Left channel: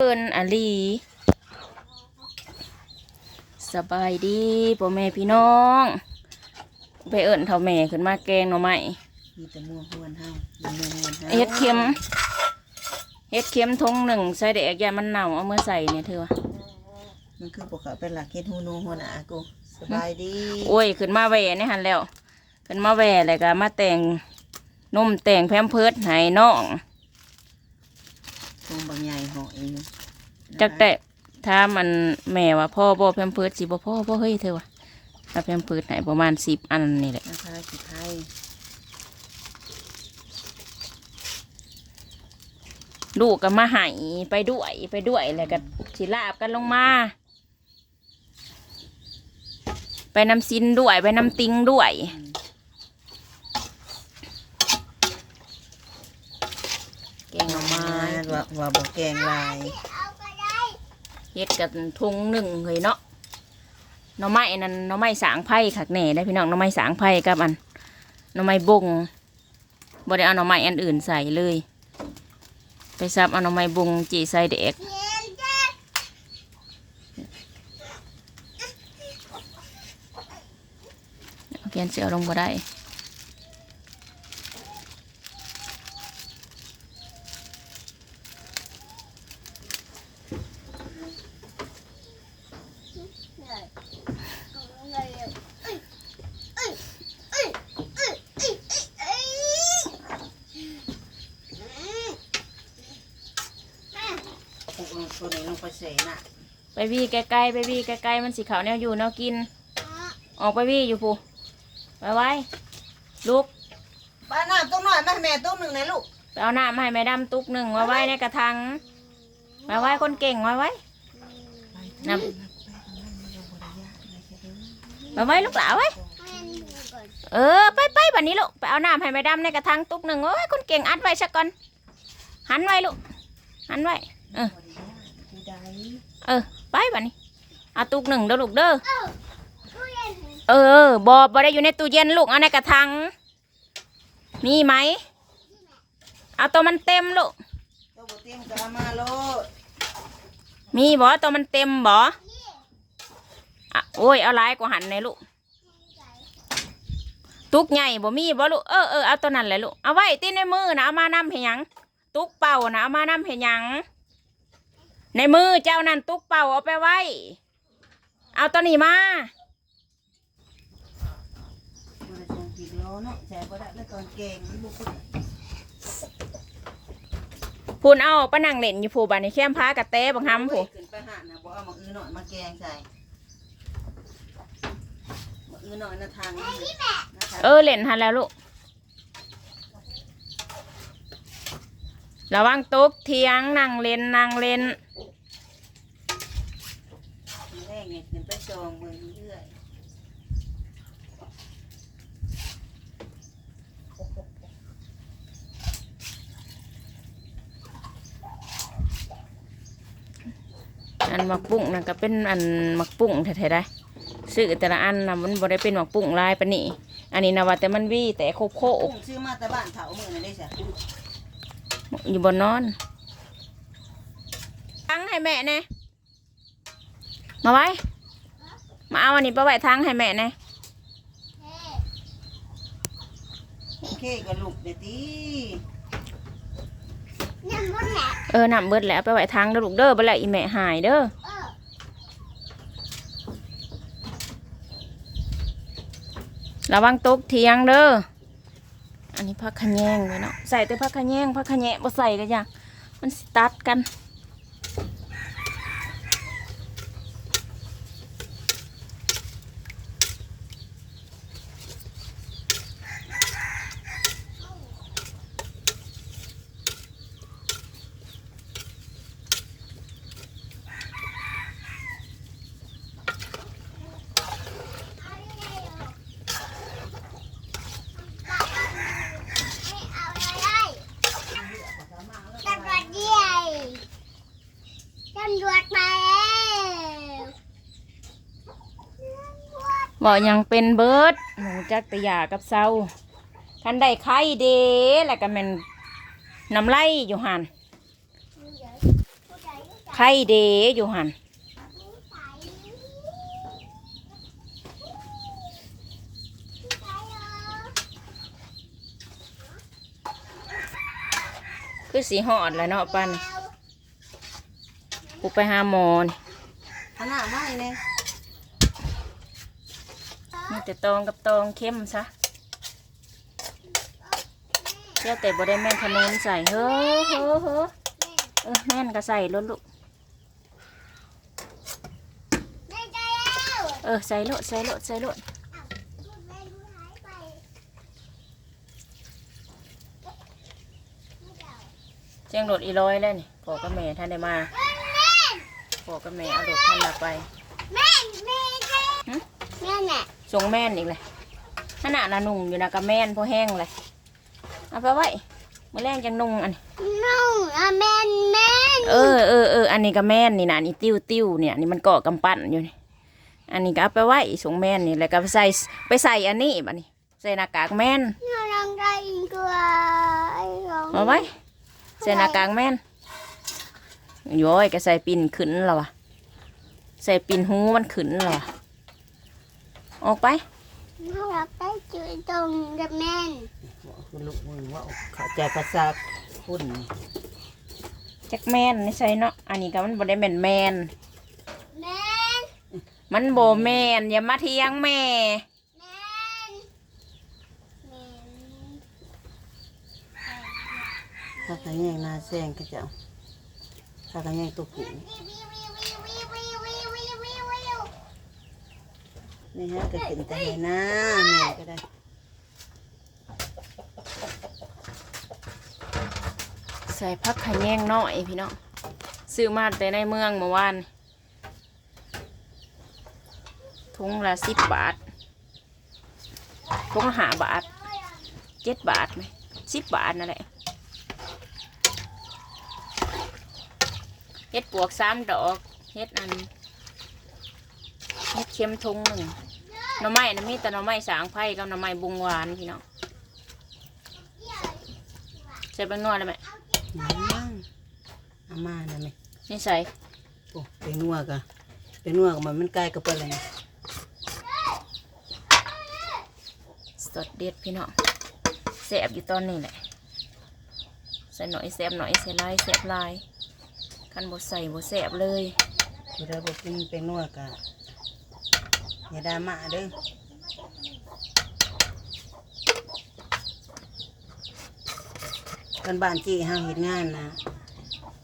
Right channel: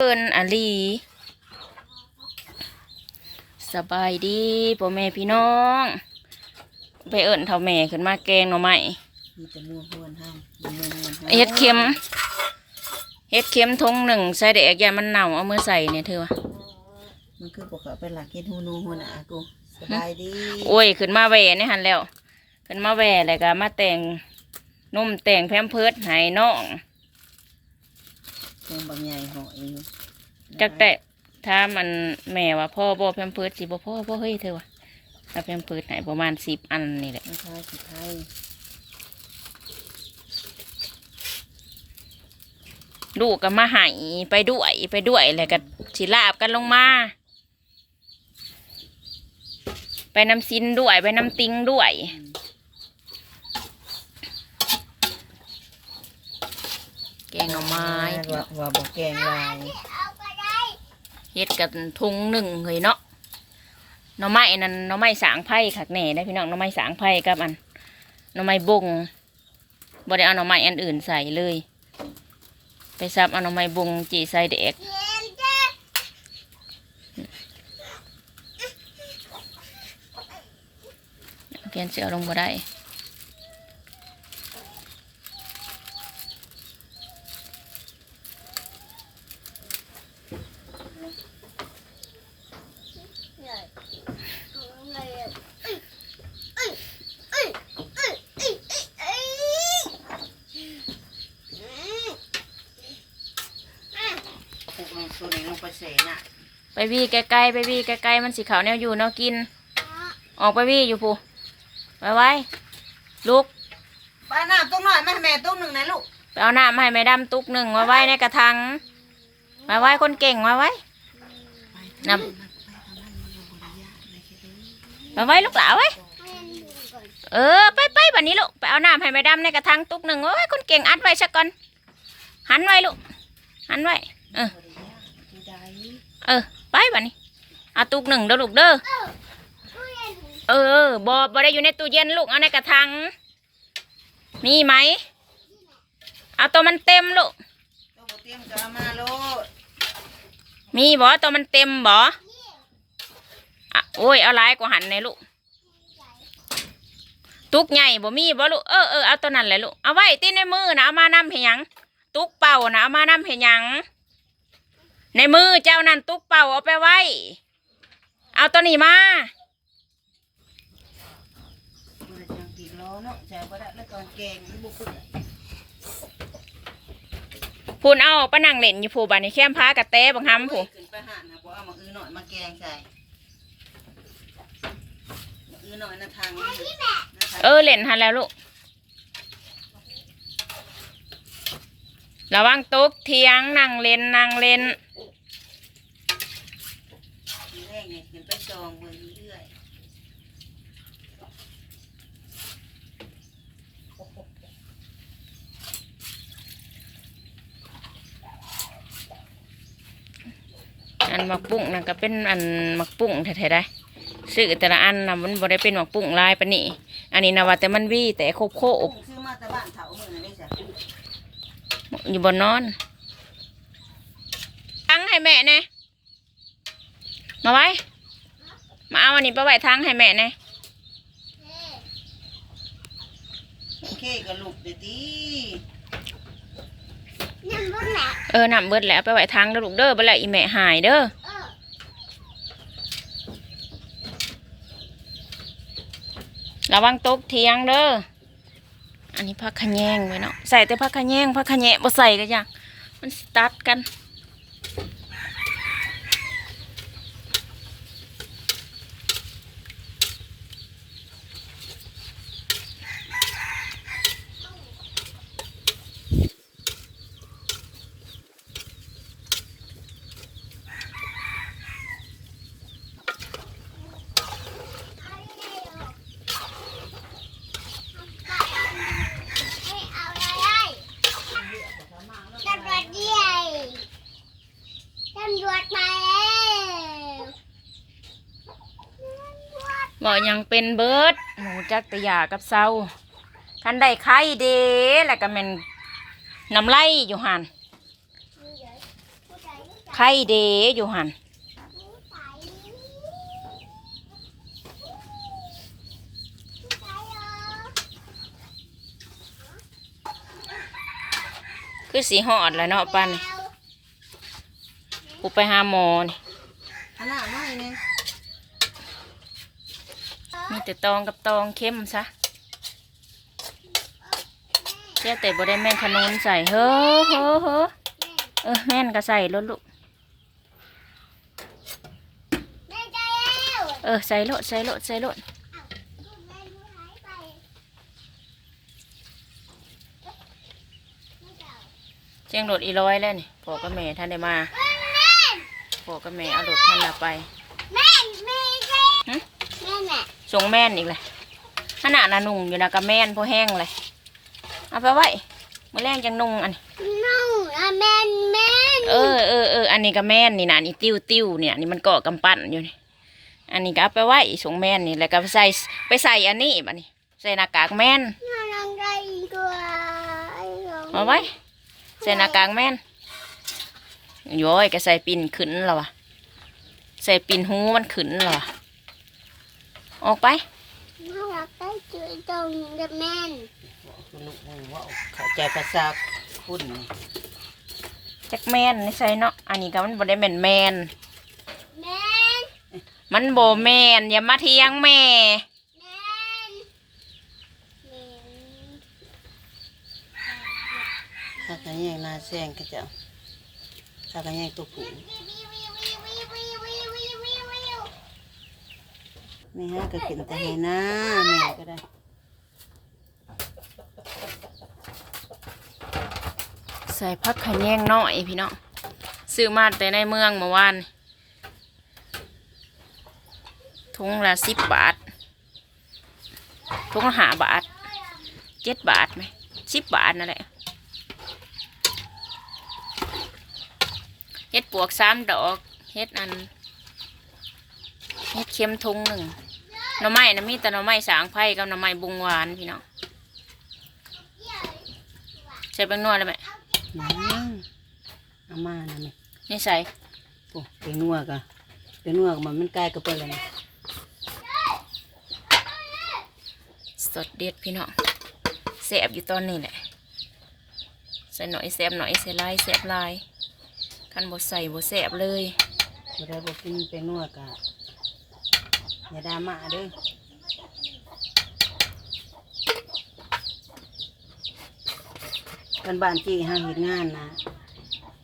เอินอาลีสบายดีพ่อแม่พี่น้อง ไปเอิญเท่าแม่ขึ้นมาแกงหน่อไม้มีแต่มัวหวนเฮามีมัวหวนเฮาเฮ็ดเค็มเฮ็ดเค็มทงหนึ่งใส่แดกยามันเน่าเอามือใส่เนี่ยเธอวะมันคือพวกเขาเป็นหลักเฮ็ดฮูนูหัวหน้ากูสบายดีโอ้ยขึ้นมาแหว่นี่หันแล้ว ขึ้นมาแหว่แล้วก็มาแต่งนุ่มแต่งแพมเพิร์ดให้น้อง ตรงบางใหญ่หอยอยู่จักแต่ถ้ามันแม่ว่าพ่อบ่แพมเพิร์ดสิบ่พ่อบ่เฮ้ยเธอวะถ้าแพมเพิร์ดให้ประมาณสิบอันนี่แหละนะคะสิไทยลูกก็มาใหายไปด้วยไปด้วยแล้วก็สิลาบกันลงมา ไปน้ำซินด้วย ไปน้ำติงด้วย แกงห น่อไม้ว่าว่าบ่แกงลายเฮ็ดกับทุงหนึ่งเลยเนาะหน่อไม้นั่นหน่อไม้สางไผ่คักแหน่ได้พี่น้องหน่อไม้สางไผ่กับอันหน่อไม้บงบ่ได้เอาหน่อไม้อันอื่นใส่เลย ไปซับเอาหน่อไม้บงจีใส่เด็กเพียนเสือลงบ่ได้ ตัว ไหนลงไปเสน่ะไปวี่ใกล้ๆไปวี่ใกล้ๆมันสีขาวแนวอยู่แนวกิน ออกไปวี่อยู่ปูไปไว้ลูกป้าน้ำต้งหน่อยแม่แม่ต้งหนึ่งนะลูกไปเอาน้ำให้แม่ดำตุกหนึ่งมาไว้ในกระถางมาไว้คนเก่งมาไว้นำมาไว้ลูกหลาไว้เออไปไปบันนี้ลูกไปเอาน้ำให้แม่ดำในกระถางตุกหนึ่งโอ้ยคนเก่งอัดไว้สักก่อนหันไว้ลูกหันไว้เออที่ใด เออ ไปบันนี้เอาตุกหนึ่งเด้อลูกเด้อเออบอบอได้อยู่ในตู้เย็นลูกเอาในกระถางมีไหมเอาตัวมันเต็มลูกตัวบ่เตรียมจะเอามาโลดมีบอตัวมันเต็มบออะโอ้ยเอาหลายกว่าหันเลยลูกตุกใหญ่บ่มีบ่ลูกเออเออเอาตัวนั้นแหละลูกเอาไว้ตีในมือนะเอามานำให้หยังตุกเป่านะเอามานำให้หยัง ในมือเจ้านั่นตุกเป่าเอาไปไว้ เอาตัวนี้มาตัวละจังปีกโลเนาะใจบ่ได้แล้วตอนแกงนี่บ่คือพูนเอาปะนังเล่นอยู่ผู้บานในแคมพากระเต้บังฮัมผู้ขึ้นไปหานะบ่เอามาอื้อหน่อยมาแกงใส่มาอื้อหน่อยนะทางนี้นะคะเออเล่นหันแล้วลูกระวังตุกเทียงนั่งเล่นนั่งเล่น ทีแรก เนี่ยขึ้นไปจองเบิ่งเรื่อยอันหมักปุ้งนั่นก็เป็นอันหมักปุ้งแท้ๆได้ซื้อแต่ละอันนะมันบ่ได้เป็นหมักปุ้งลายปานนี้อันนี้นะว่าแต่มันวี่แต่โคบโคๆบอุ้มซื้อมาแต่บ้านเถาเมื่อนั้นได้จ้ะอยู่บนนอนทั้งให้แม่แน่มาไว้ มาเอาอันนี้ไปไว้ทั้งให้แม่แน่โอเคกับลูกเดี๋ยวตีเออนำเบิดแล้วไปไว้ทั้งแล้วลูกเด้อบ่แล้วอีแม่หายเด้อระวังตกเทียงเด้อ อันนี้ผักขะแยงไว้เนาะ ใส่แต่ผักขะแยงผักขะแยงบ่ใส่ก็ยังมันสตัดกัน ตำรวจใหญ่ตำรวจมาแล้ว บ่ยังเป็นเบิร์ดหนูจักตะยากับเศร้าคันได้ไข่เดแล้วก็แม่นน้ำไหลอยู่หันไผ่เดอยู่หันคือสีหอดแล้วเนาะปันกูไปหาหมอนขนาดไม่เนี่ย มีแต่ตองกับตองเข้มซะเจ้าแต่บ่ได้แม่นขนุนใส่เฮ้อเฮ้อเฮ้อเออแม่นก็ใส่รถลูกแม่ใจแล้วเออใส่รถใส่รถใส่รถแม่ดูหายไปเจียงรถอีร้อยแล้วนี่พ่อกับแม่ท่านได้มาพ่อกับแม่เอารถท่านละไป ม่น่ะส่งแม่นอีกเลยขนาดน่ะนุ่งอยู่นะกับแม่นพอแห้งเลยเอาไปไว้มื่อแรงจังนุ่งอันนี้น้องอะแม่นแม่นเออเออเอออันนี้ก็แม่นนี่นะอันนี่ติ้วติ้วเนี่ยอันนี่มันเกาะกำปั้นอยู่นี่อันนี้ก็เอาไปไว้ส่งแม่นนี่แล้วก็ไปใส่ไปใส่อันนี้บัดนี้ใส่หน้ากากแม่นน่ารักใจกว่าไอ้ของเอาไว้ใส่หน้ากากแม่นโย้อยก็ใส่ปิ่นขึ้นแล้ววะใส่ปิ่นหูมันขึ้นแล้ววะ ออกไปน่ารักไปจุยตรงกับแม่นคือลูกนี่ว่าเข้าใจภาษาพุ่นนี่จักแม่นนี่ใส่เนาะอันนี้ก็มันบ่ได้แม่นแม่นแม่นมันบ่แม่นอย่ามาเทียงแม่แม่นแม่นถ้ากันแย่งหนาแซงก็จะถ้ากันแย่งตัวผู้ นี่ฮะก็กินแต่ให้หน้าแม่ก็ได้ใส่พักขะแยงน้อยพี่น้องซื้อมาแต่ในเมืองเมื่อวานถุงละสิบบาทถุงละห้าบาทเจ็ดบาทไหมสิบบาทนั่นแหละเฮ็ดปวกสามดอกเฮ็ดอันเฮ็ดเค็มทุงหนึ่ง หน่อไม้นะมีแต่หน่อไม้สางไผ่กับหน่อไม้บุงหวานพี่น้องใส่แป้งนวดเลยไหมยังอามานะแม่นี่ใส่โอ้เป็นนัวกะเป็นนัวกับมันมันใกล้กับเปิ้ลแล้วนะสดเด็ดพี่น้องแสบอยู่ตอนนี้แหละใส่หน่อยแสบหน่อยใส่ลายแสบลายคันบดใส่บดแสบเลยเวลาบอกกินเป็นนัวกะ อย่าดราม่าเด้อบ้านบ้านจีห้าเห็ดงานนะ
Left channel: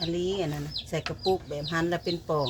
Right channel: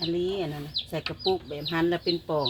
อันนี้อันนั้นใส่กระปุกแบบหันแล้วเป็นป่อง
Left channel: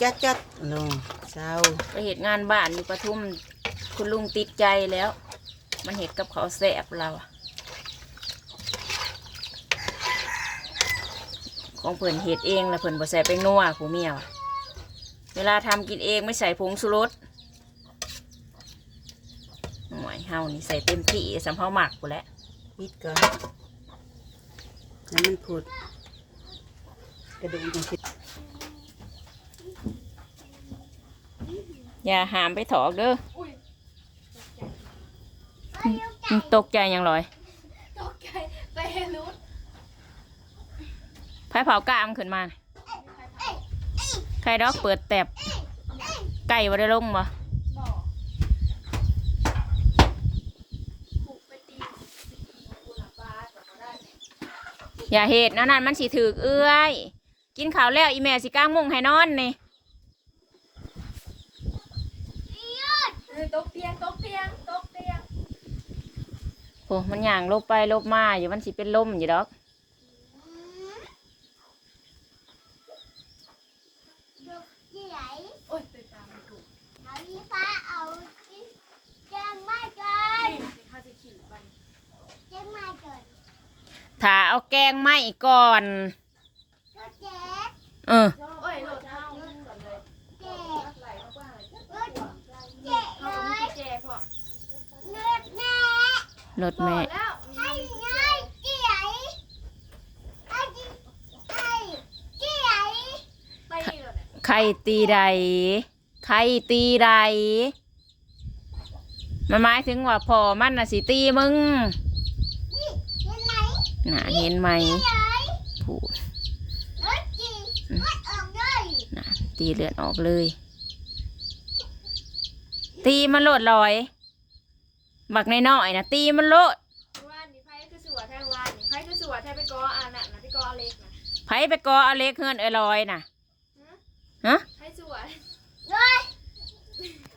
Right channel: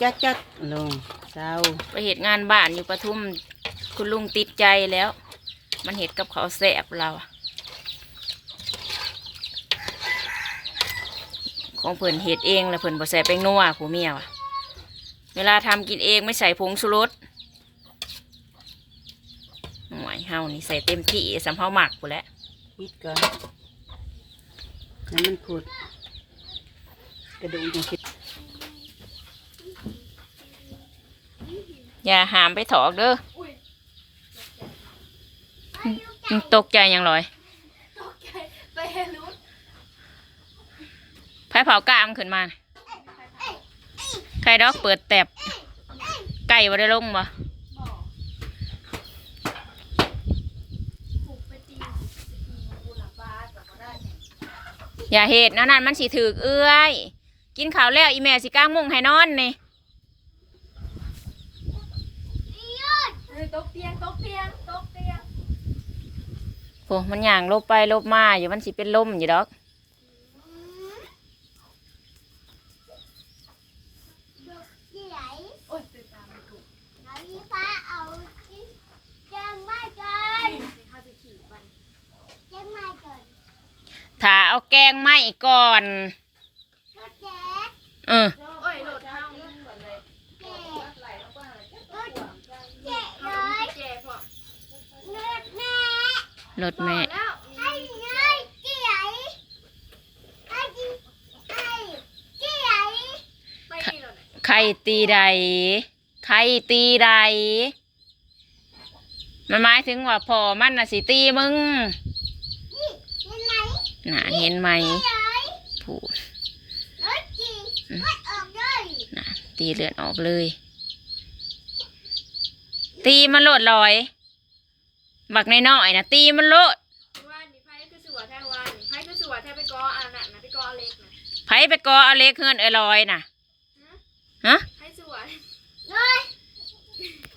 จัดจัดๆลงเศร้าไปเหตุงานบ้านอยู่ปทุมคุณลุงติดใจแล้ว มันเห็ดกับเขาแสบเรา ของเพิ่นเห็ดเองแล้วเพิ่นบ่ใส่แป้งนัวผู้เมียวะ เวลาทำกินเองไม่ใส่ผงชูรสหน่วยเฮานี่ใส่เต็มที่สำเฮาหมักกูนแหล้วปิดก่อนน้ำมันผุดกระดูกยังคิดอย่าหามไปถอกเด้อมึงตกใจยังลอยไผ่เผากล้ามขึ้นมาน่ะใค รดอกเปิดแตบไก่ว่าได้ลงบ่อย่าเหตุนั่นนั่นมันสิถือกเอื้อย กินข้าวแล้วอีแม่สิก้างมุงให้นอนนี่ตกเตียงตกเตียงตกเตียงโอ้มันย่างลบไปลบมาอยู่มันสิเป็นลมอยู่ดอก เอาแกงไหมก่อนเออรถแม่ไข่ตีใดไข่ตีใดมันหมายถึงว่าพ่อมันน่ะสิตีมึง หนาเห็นไหมผูนะตีเลือดออกเลย ตีมันโลดลอยบักในน่อยนะตีมันโลดไผไปกออเล็กเฮือนเอลอยน่ะฮะไผสวย